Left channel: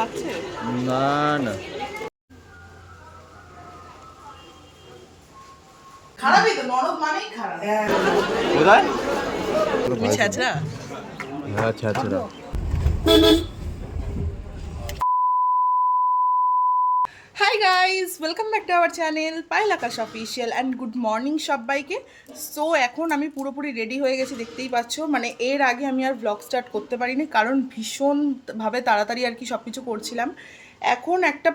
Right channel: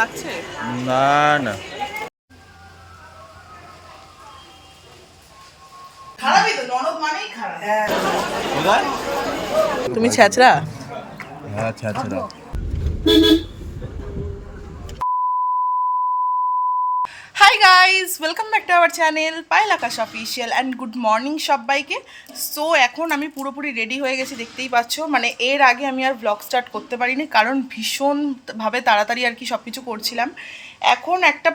লাগছে না না খারাপই তো, ননদ মানেই খারাপ। কোথায়? তুমি ছ্যাচরা। হ্যাঁ ছ্যাচরা। Hi guys, welcome back to our channel Payel Akash official and good morning সবাইকে। সো এখন আমি পুরোপুরি রেডি হয়ে গেছি, দেখতেই পাচ্ছ। মানে এর আগে আমি আর ব্লগ স্টার্ট করতে পারিনি, কারণ ভীষণভাবে তাড়াতাড়ি আর কি সব কিছু করছিলাম। এখন একটা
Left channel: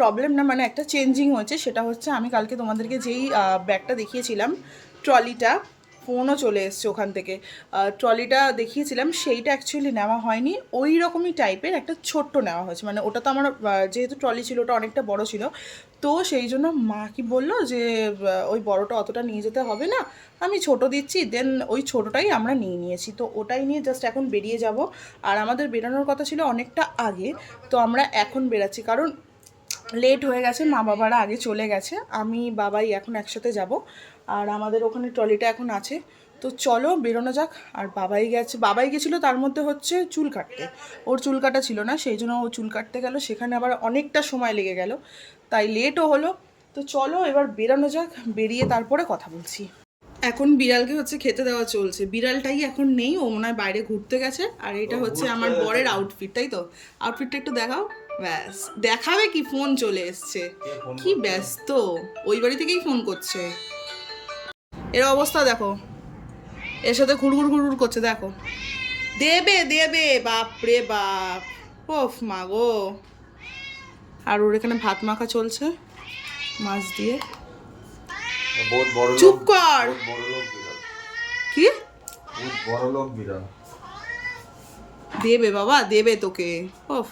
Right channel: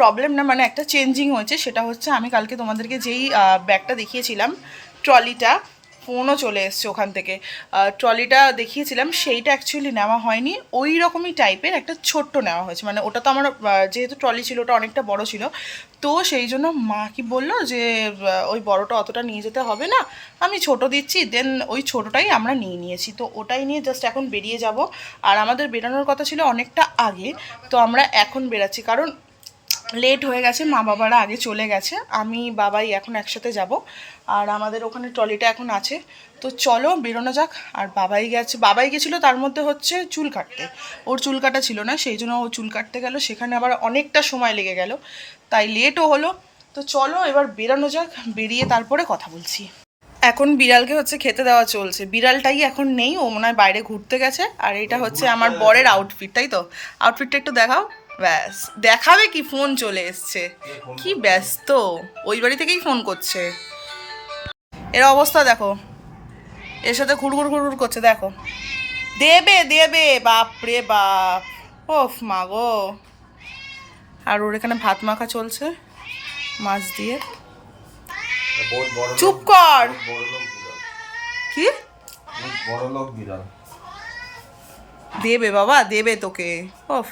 প্রবলেম না, মানে একটা চেঞ্জিং হয়েছে। সেটা হচ্ছে আমি কালকে তোমাদেরকে যেই ব্যাগটা দেখিয়েছিলাম, ট্রলিটা, ফোনও চলে এসছে ওখান থেকে, ট্রলিটা দেখিয়েছিলাম, সেইটা অ্যাকচুয়ালি নেওয়া হয়নি। ওই রকমই টাইপের একটা ছোট্ট নেওয়া হয়েছে। মানে ওটা তো আমার যেহেতু ট্রলি ছিল, ওটা অনেকটা বড় ছিল, তো সেই জন্য মা কি বললো যে ওই বড়টা অতটা নিয়ে যেতে হবে না, আমি ছোট দিচ্ছি। দেন ওই ছোটোটাই আমরা নিয়ে নিয়েছি, তো ওটাই নিয়ে জাস্ট এখন বেরিয়ে যাব। আর আমাদের বেরোনোর কথা ছিল অনেকটা আগে, তো আমরা এখন বেরাচ্ছি, কারণ লেট হয়ে গেছে। মা বাবারা আগে চলে গেছে, আমি বাবাই এখন একসাথে যাব। আর আমাদের ওখানে ট্রলিটা এখন আছে, তো চলো বেরোনো যাক। আর বাবাই গেছিলো তার মধ্যে হচ্ছে চুল কাটতে। ওর চুল কাটা ছিল না, সেই জন্য ও চুল কাটতে গেল, সেখানে আবার অনেকটা সময় লেগে গেল, তাই লেটও হলো। তো চলো এবার বেরোনো যাক, বেরিয়ে তারপরে কথা বলছি। এখন বিড়ালকে হচ্ছে খেতে দেওয়া চলছে, বিড়ালটাই এখন নেই, ও মনে হয় বাইরে ঘুরতে গেছে। আর এটা হচ্ছে আমার বরের আউটফিট, তাই তো? আউটফিটটা একটু দেখাও। ব্যাস, দেখাবে কি, ফোন চলে এসছে, কি ব্যস্ত, ওই বাড়ি থেকেই ফোন করছে। এর অবস্থা দেখো, এর সাথে ঘুরঘুর ঘুরঘুর করছে, দেখো। দেবে দেবে, বাপ রে বাপ, ওফ মা গো। আর ওর এখানে ভাত মাখা চলছে মাছ দিয়ে। চুপ কর। কি বড় লোক বিড়াল। দেবে বাবা, দেবে তোকে। ওফ,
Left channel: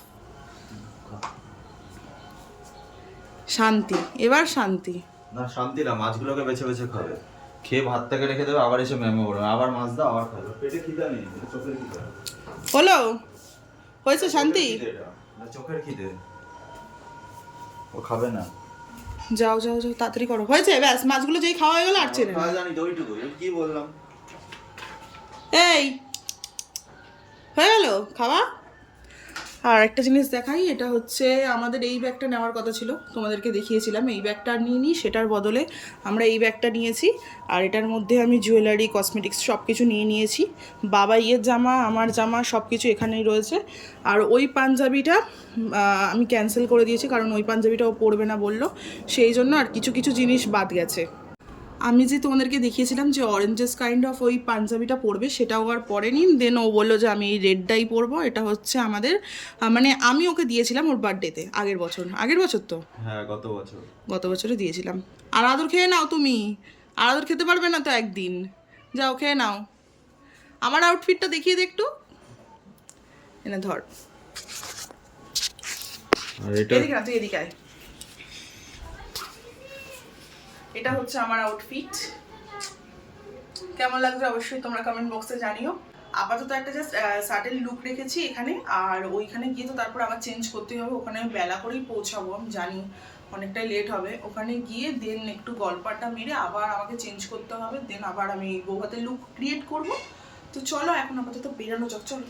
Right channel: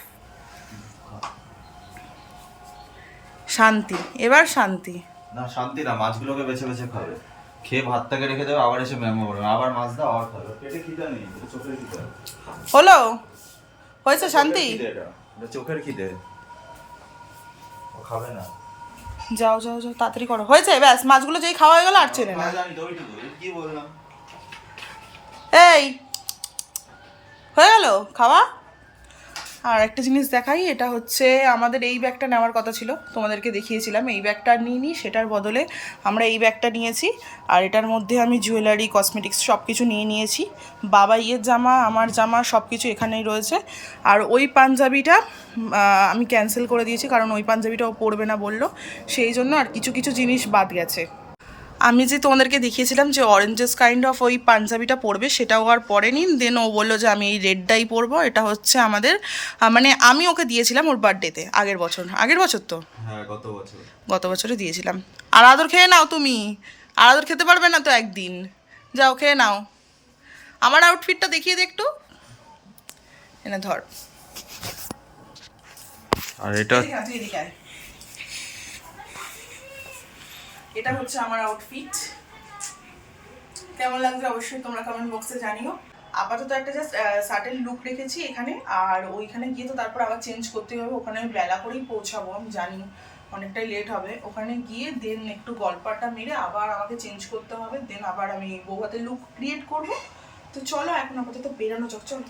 শান্তি, এবার শান্তি। না শান্তি না, মাছগুলোকে বেছে বেছে খাবে, খেয়ে ভাতটাকে রেখে দেবে, আবার এসে ম্যামো করবে, আবার মাছ দাও, আবার খাবে। পেটে খিদা নেই, চোখের খিদা। হলো, হয়েছে শান্তি। এটা চোখের খিদে, ও খাবে না। যাও যাও যাও, তাড়াতাড়ি করো, হয়েছে ব্যাস। মাছগুলো যেই খাওয়া হয়ে গেল আর চেনে না। জানি তো ওইটুকু, কি বললাম। এই হয়ে গেল খাওয়া। আর একটা জিনিস দেখাই, এটা হচ্ছে আমাদের এই ব্যাগটা নেওয়ার কথা ছিল, তোমাদেরকে দেখিয়েছিলাম। এই ব্যাগটা নিয়ে নিই, সেটার বদলে আমরা এই ব্যাগটা নিয়েছি। আর এটার মধ্যে আমি জুয়েলারি, কসমেটিক্স সব কিছু নিয়ে নিয়েছি। বাবা ইয়ের জামা, আমার জামা সব কিছু এখানেই রয়েছে। আর ওই পাঞ্জাবিটা আমি ক্যান্সেল করে দিয়েছি, কারণ ওই পাঞ্জাবিটাও পরবে না বললো, সেই জন্য। আর কিছু কিছু জিনিস বাদ গেছে। আমি যে তোমাদেরকে দেখিয়েছিলাম যে অরেঞ্জেস কাইন্ড অফ ওই পাঞ্জাবিটা পরবে, সেটাও আর পরেনি। দেন ও বললো যে আমি এই রেডটাই পরবো। এটা হচ্ছে আমাদের, মানে আমি ওকে দিয়েছিলাম ওর বার্থডেতে, আগের বছর তো, হ্যাঁ গত বছরে দিয়েছিলাম। আর আদর খেয়ে নাও তুমি, আর আদর খেতে পারবে না তো একদিন, যাও খেয়ে নাও। আমার আউটফিটটা দেখিয়ে দে একটু, এনে ধর। আর এটা তুই এদিকে আয়। এটা হচ্ছে আমার আউটফিট, কেমন লাগছে অবশ্যই তোমরা কমেন্ট বক্সে জানিও। আপাতত একটা জাস্ট সাটেল লুক রেখেছি এখানে, আর ওইখানে গিয়ে তো তারপর আবার চেঞ্জ করতে হবে। ওখানে আমি বেলা করেই পৌঁছাবো, আমি জানি অনেকটাই লেট হবে। ওখানে গিয়ে দেন একটু গল্পটা মেরে আবার আমাকে চেঞ্জ করতে হবে, দেন আবার আমি বৌভাতের লুক ক্রিয়েট করব। তো চলো এখন আপাতত বেরানো যাক, চলো।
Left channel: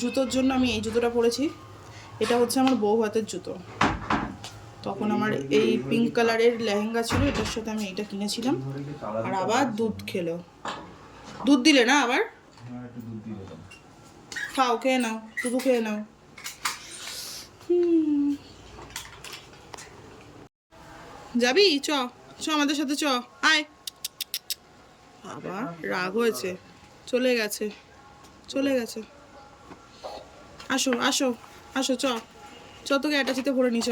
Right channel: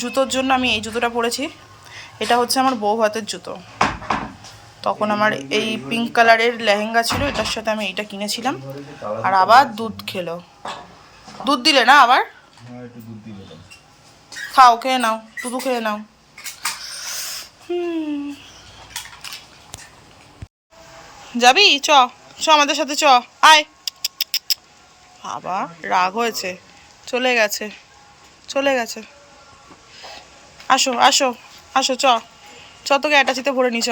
জুতোর জন্য আমি এই জুতোটা পরেছি, এটা হচ্ছে আমার বৌভাতের জুতো। তখন আমার এই পিঙ্ক কালারের লেহেঙ্গা ছিল, এটার সাথে আমি এইটা কিনেছিলাম। আর আবার দুধ খেলো, দুধ দিলে না আবার, খাও, খেয়ে নাও, দুধু খেয়ে নাও। যাবি? চ চ আমাদের সাথে, চ আয়। বাবা রাগ হয়েছে, চলে গেছে। আসো আসো আসো, চ চ, তোকে অ্যাটাচিতে ভরে নি, চ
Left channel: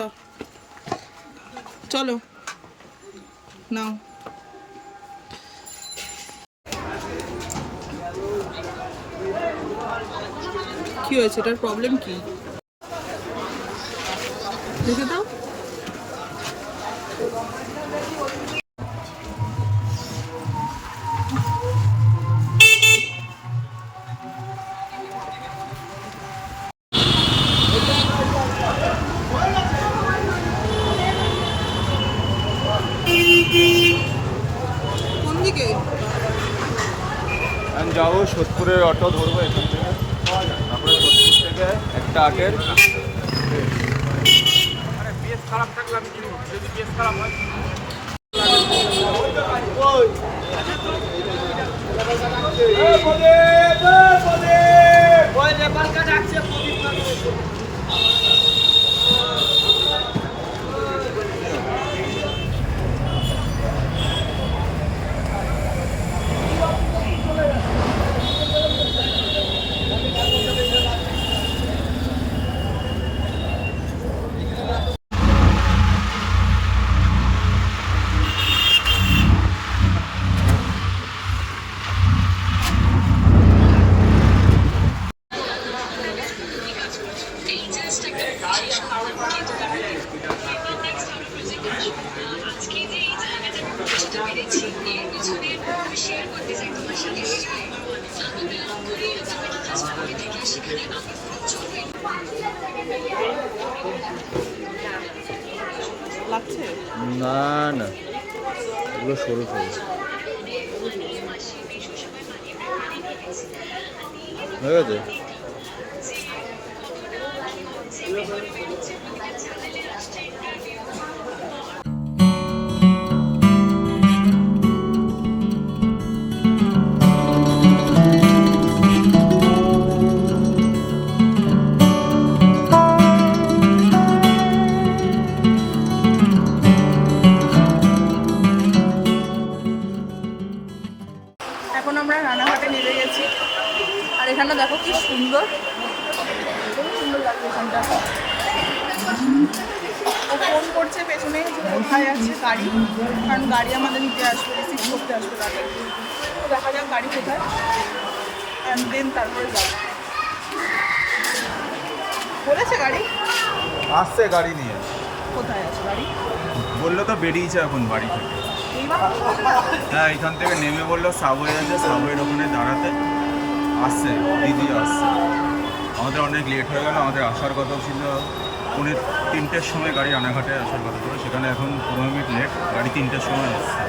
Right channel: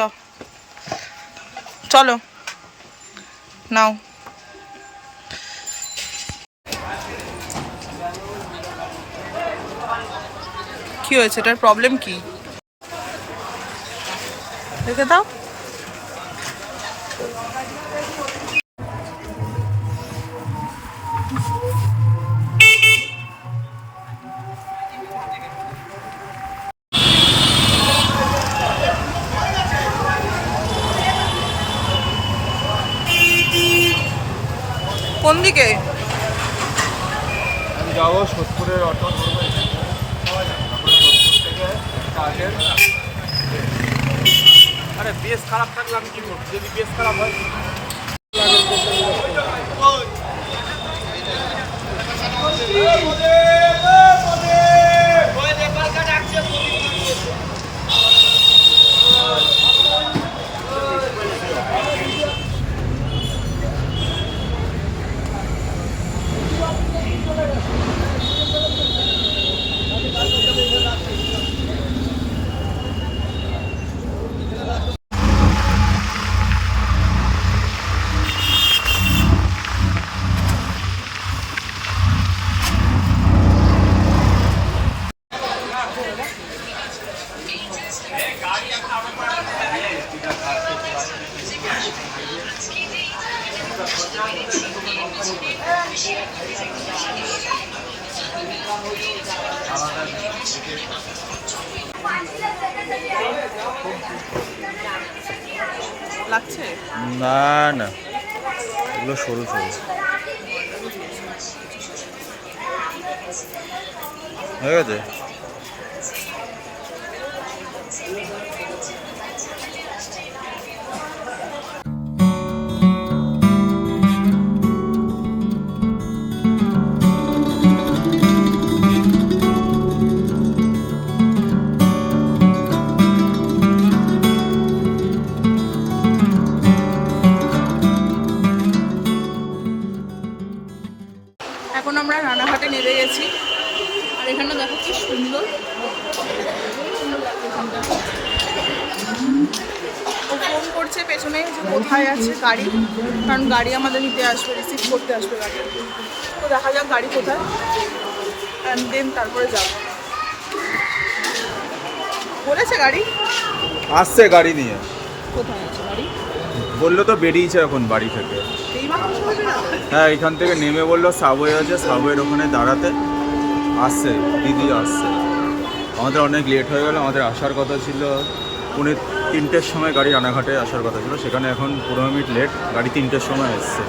চলো নাও। কি হয়েছে, এটার প্রবলেম কি দেখে দাও। কোন দিকে? আমি যাবো সোদপুরের, অটো ধরবো এখান থেকে, তারপরে সোদপুর থেকে থেকে একটা আটের লাগছে? না না, এগুলো সরু সরু হয়ে গেছে। এখন আমরা রানাঘাটে নেমে গেছি, আর এখানে দেখো কি সুন্দর, খুব সুন্দর লাগছে এখানটা। ও ফোন করছে পেছনে যে কোথায় আছে গাড়ি, কারণ গাড়ি আমাদের নিতে আসবে, রিসিভ করতে আসবে গাড়ি। তো দেখা যাক গাড়ি কোথায়, অ্যান্ড দেন তারপরে যাব। বলেছে গাড়ি আসছে গাড়ি নিয়ে। কোথায় আছে গাড়ি? বললো তো বেরিয়েছে এখন বাড়ি থেকে। এইমাত্র চলে যাবে? হ্যাঁ, এখান থেকে নেমে বললো সাবওয়ে আছে, সাবওয়ের ওখানে দাঁড়াতে। আসছে, দিদি আসছে। আমাদের অনেক লেট হয়ে গেল, আমাদের আসার কথা ছিল 3:30-র সময় গাড়ি রানাঘাটে আসার কথা ছিল, সেখানে এখন 15 মিনিট লেট, গাড়ি 3টের সময় এসছে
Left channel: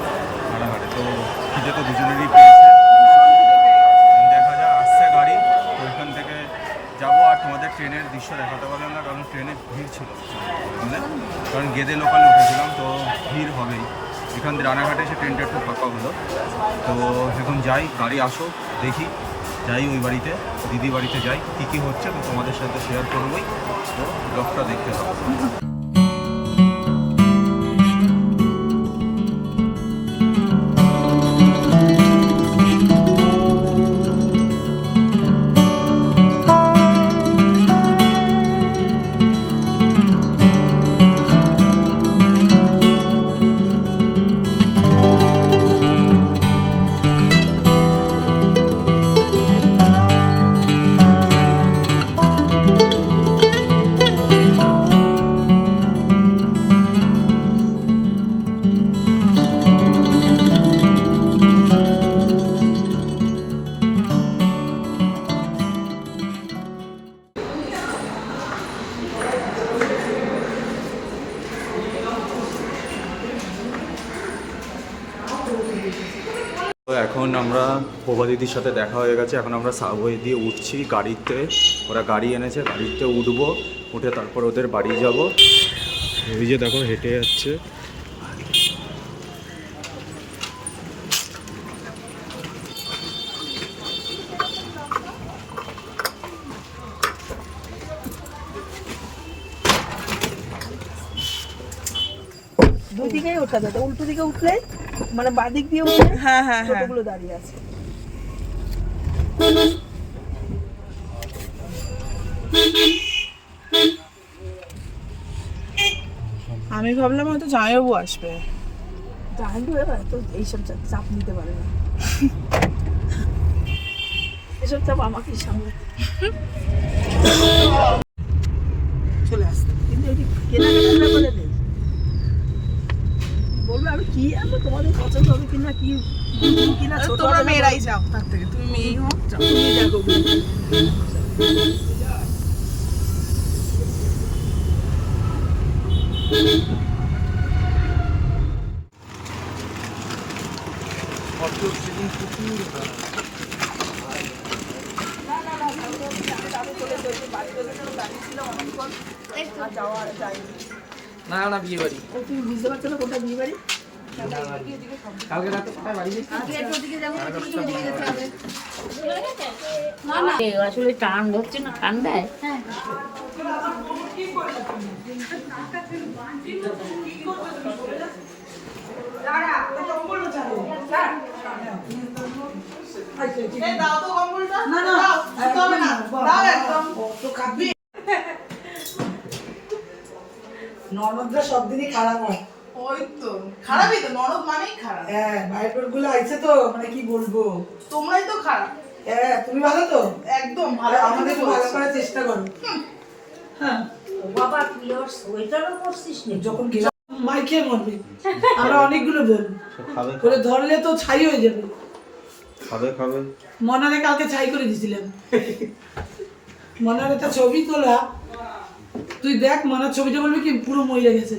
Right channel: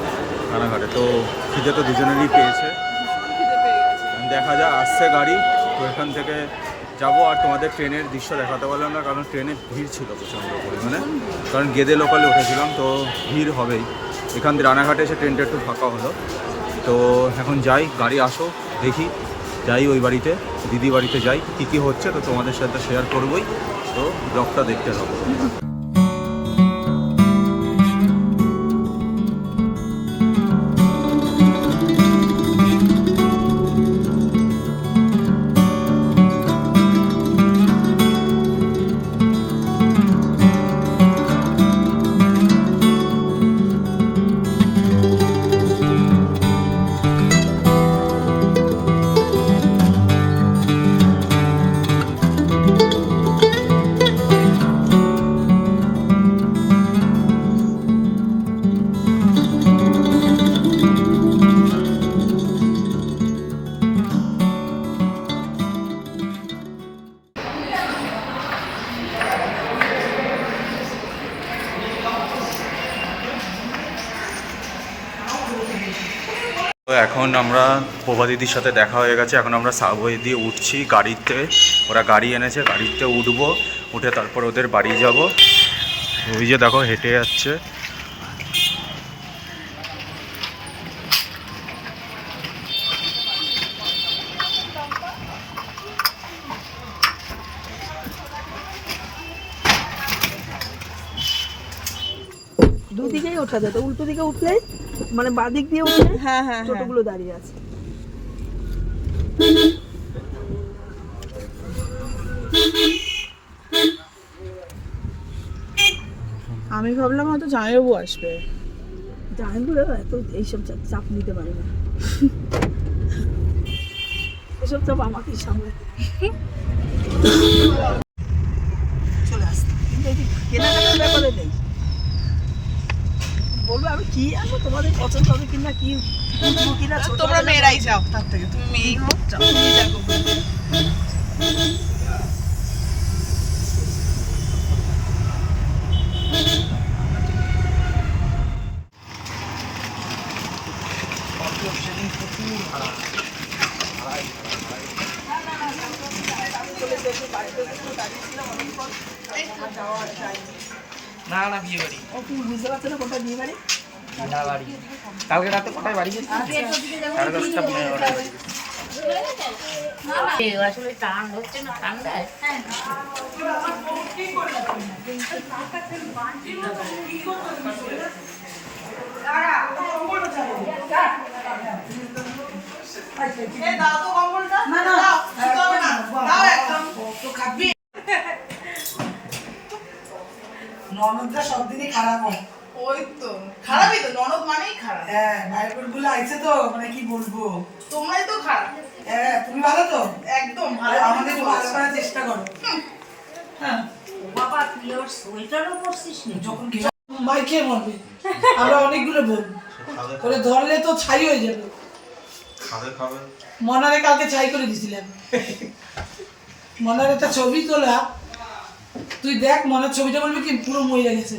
রানাঘাটে। তো খিদে তো দুজনেরই পেয়েছে, খিদে পেয়ে গেছে। দেখা যায় আসছে গাড়ি। তো এখান থেকে যাবো, আর তোমাদের ট্রেনের দৃশ্য দেখাতে পারলাম না, কারণ ট্রেনে ভিড় ছিল প্রচণ্ড পরিমাণে, কারণ গেদে লোকালে উঠেছিলাম, তো ভিড় হবেই। এখান থেকে রানাঘাটে এসে ট্রেনটা একটু ফাঁকা হলো। তো এখন যাই, গাড়ি আসো, দেখি যাই ওই বাড়িতে, দিদি বাড়িতে যাই, কী কী হচ্ছে তো তোমাদের সাথে শেয়ার করবোই। তো ব্লগটা দেখতে থাকো তোমরা। তো এখন আমরা প্রভা দিদির সাথে দেখা হয়ে গেছে, এখন আমরা সাবওয়ে দিয়ে উঠছি গাড়িতে, ওরা গাড়ি এনেছে, গাড়িতে উঠবো, উঠে তারপর ওদের বাড়ি যাব। ওই যে দেখো হেঁটে যাচ্ছে। দুই দিকেই ওঠা যায়, তো উল্টো দিকে উঠলে মানে বাদিক দিয়ে উঠলে হ্যাঁ হ্যাঁ হ্যাঁ, টোটোগুলো দাঁড়িয়ে আছে। আমি ভাবলাম হয়তো জামাইবাবু আসবে। জানবো এবার তো এইসব চাপ নিতে পারে না, এসব চাপ আমাকে সামনে চলে আসতে, কিন্তু এই কেনাকাটার ব্যাপারে নেই। বলবে আমি কি আনবো, তোমাদের পছন্দ হবে কিনা, কি কিনবো কিনা, ছোট তোমরা হবে না, মেয়েরাই যাও, তার থেকে তুমি মেয়েই হোক, যাও। তুমি দেখো বলে। না না বিয়ে বাড়ি ও তুমি বুঝতে পারছো না কোথায় বিয়ে বাড়ি? না বাড়ি কালকে রাতে কোথায় বাড়ি গেছি আসলে টান ধরছে না ঠান্ডায়। ননদরা সব দিনই খারাপ হয়। ওই তো খারাপই তো, ননদ মানেই খারাপ। হ্যাঁ ভাইপোর গুলো আইছে তো মানে কি বলবো। তোমরাই তো খারাপ। হ্যাঁ তুমি ভালো তো? একদম ভালো। আমাদের একটু ভালো করার চেষ্টা করো। হ্যাঁ বাবা তুই আবার সোয়েটারও পরছিস না? যখন মাই খেয়ে মরবে। আমরা অনেকগুলো বলবো করে ধরলে তো ছাই হয়ে যাবে। খাবে মনারে কালকে ছাই করে দিছিলেন। মনার একটা ছবি তোলা, তুই দেখ মনার ছবিটা বলবি কি পুরো মহিলা গেছে।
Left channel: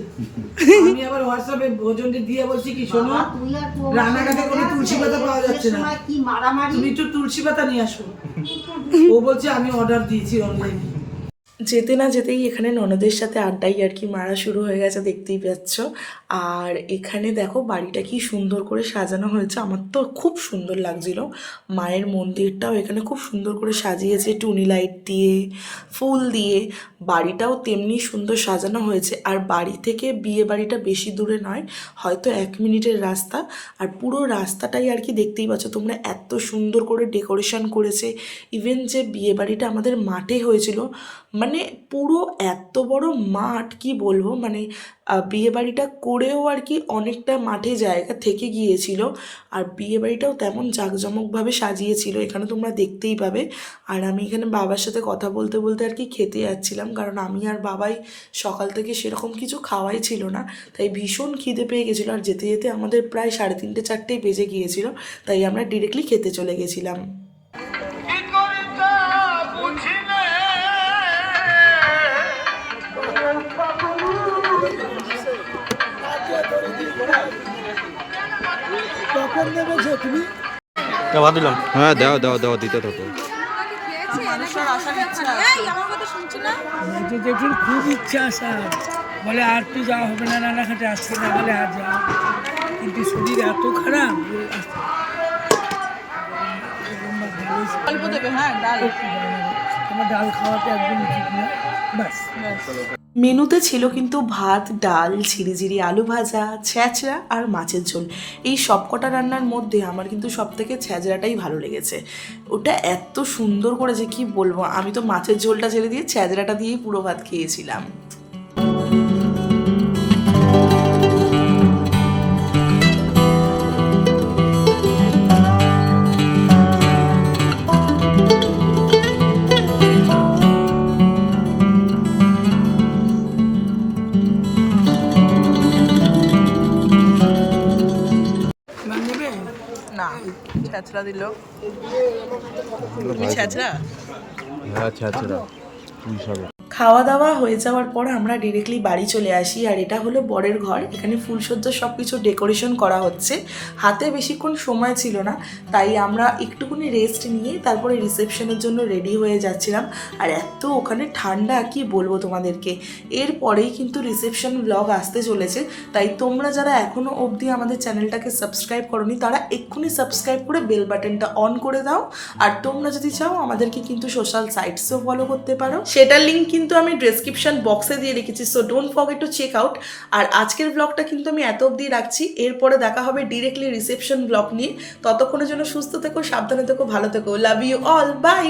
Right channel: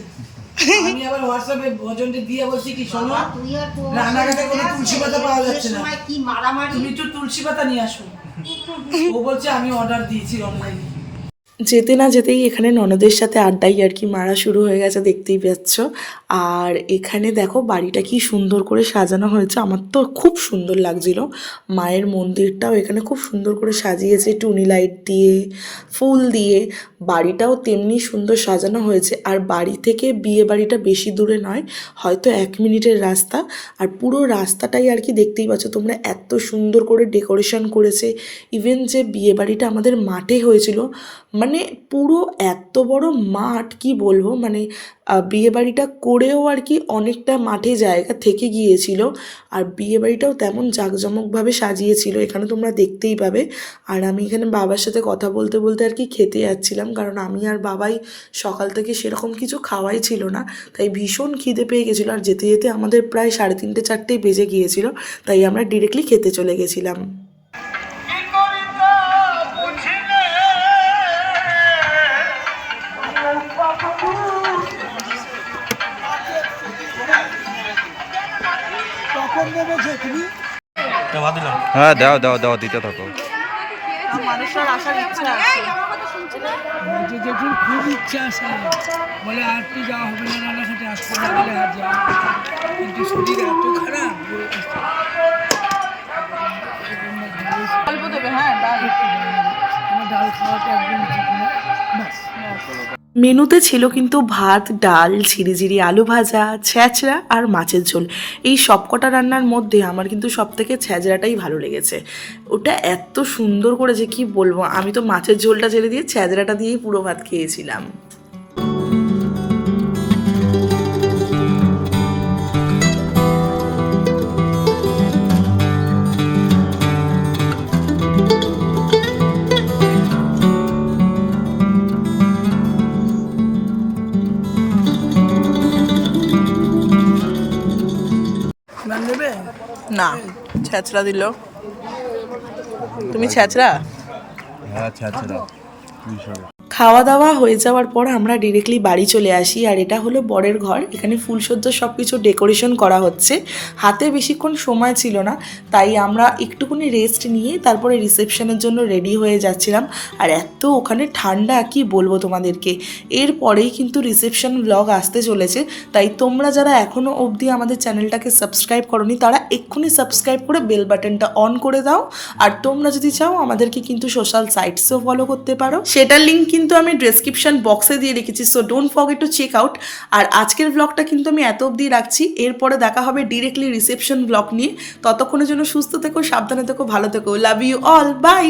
আমি আবার হোয়াটসঅ্যাপে ভোজনকে দিয়ে বলছি কি শোনো, তুই আর তুই রান্নাঘাটে কোনো তুলসী পাতা পাওয়া যাচ্ছে না, সময় কি মারামারি। তুমি একটু তুলসী পাতা নিয়ে আসো। ও বলছে আমি অর্ডার দিয়েছি অনলাইনে। যেতে না যেতেই এখানে ননদের সাথে আড্ডাই আর কি মারা শুরু হয়ে গেছে, দেখতেই পাচ্ছ। আর এখানে দেখো বাড়িটা কি সুন্দর করে সাজানো হয়েছে, আমার তো খুব সুন্দর লাগছিল। মায়ের মন্দিরটাও এখানে খুব সুন্দর করে সাজিয়েছে টুনি লাইট দিয়ে, ফুল দিয়ে। বাড়িটাও তেমনি সুন্দর সাজানো হয়েছে। আর বাড়ি থেকে বিয়ে বাড়িটা বেশি দূরে নয়, হয়তো 1 মিনিটের রাস্তা। আর পুরো রাস্তাটাই আর কি দেখতেই পাচ্ছ তোমরা, এত সুন্দর করে ডেকোরেশন করেছে। ইভেন যে বিয়ে বাড়িটা আমাদের মাঠে হয়েছিল, মানে পুরো এত বড় মাঠ কি বলবো, মানে বিয়ে বাড়িটা করেও আর কি অনেকটা মাঠে জায়গা থেকে গিয়েছিল। আর বিয়ে বাড়িটাও তেমন জাঁকজমকভাবে সাজিয়েছিল, এখানে তোমরা দেখতেই পাবে। আর আমি এখানে বাবার সাথে কথা বলতে বলতে আর কি খেতে যাচ্ছিলাম, কারণ আমি আর বাবাই সকাল থেকে সেরকম কিছু খাওয়াই ছিল না, তাই ভীষণ খিদে পেয়ে গেছিলো। আর যেতে যেতে আমাদের প্রায় 3:30 4টে বেজে গিয়েছিল, তাই আমরা ডিরেক্টলি খেতে চলে গেছিলাম। কখন নেমেছো তুমি? হ্যাঁ দাও দাও দাও দিতে থাকো। মানুষের আসার ইচ্ছা আছে। জেঠুর খুব ইচ্ছা আছে, বলে আর তো যাওয়া হবে না, রান্নাঘাটে আসতে না বলে আর যাওয়া, কিন্তু শরীর এত খারাপ। অল্প দেবে, হ্যাঁ ডাল। আমার ডাল খাওয়াটা একদম ঠিক না। ব্যাস মেনুতে ছিল কিন্তু ভাত, ডাল, ঝিরিঝিরি আলু ভাজা, ছ্যাঁচড়া আর মাছের ঝোল। এই সবকটা রান্নার মধ্যে আমার কিন্তু সবথেকে ছ্যাঁচড়াটাই ভালো লেগেছে। ওটা এত সুন্দর করেছে কি বলবো, আমি তো মাছের ঝোলটা ছেড়ে দিয়ে ছ্যাঁচড়াটা দিয়েই পুরো ভাত খেয়েছিলাম। ম্যাম নেবে? না, ছ্যাঁচড়া দিল। তুমি ছ্যাঁচড়া? হ্যাঁ ছাড়া তুই সব খাওয়া দাওয়া হয়ে যাওয়ার পর আমরা ডিরেক্টলি বাড়ি চলে আসি। আর এটা হলো বরের ঘর, এখানে ফুলসজ্জা সব কিছু ডেকোরেশন করা হচ্ছে। হাতে বেশিক্ষণ সময় ছিল না, তাই আমরা একটুখানি রেস্ট নিয়ে তারপরে রিসেপশনের জন্য রেডি হয়ে যাচ্ছিলাম। আর এত ওখানে ঠান্ডা কি বলবো তোমাদেরকে। এরপরেই কিন্তু রিসেপশন ব্লগ আসতে চলেছে, তাই তোমরা যারা এখনও অবধি আমাদের চ্যানেলটাকে সাবস্ক্রাইব করোনি তারা এক্ষুনি সাবস্ক্রাইব করে বেল বাটনটা অন করে দাও। আর তোমরা যদি চাও আমাদেরকে কিন্তু সোশ্যাল সাইটসও ফলো করতে পারো, সেটার লিঙ্ক কিন্তু আমি ডেসক্রিপশন বক্সে দিয়ে রেখেছি, so don't forget to check out. আর আজকের ব্লগটা কিন্তু আমি এত অবধি রাখছি, এরপরে দেখা হবে ডিরেক্টলি রিসেপশন ব্লগ নিয়ে। ততক্ষণের জন্য সুস্থ থেকো, সাবধানে থেকো, ভালো থেকো। Love you all, by.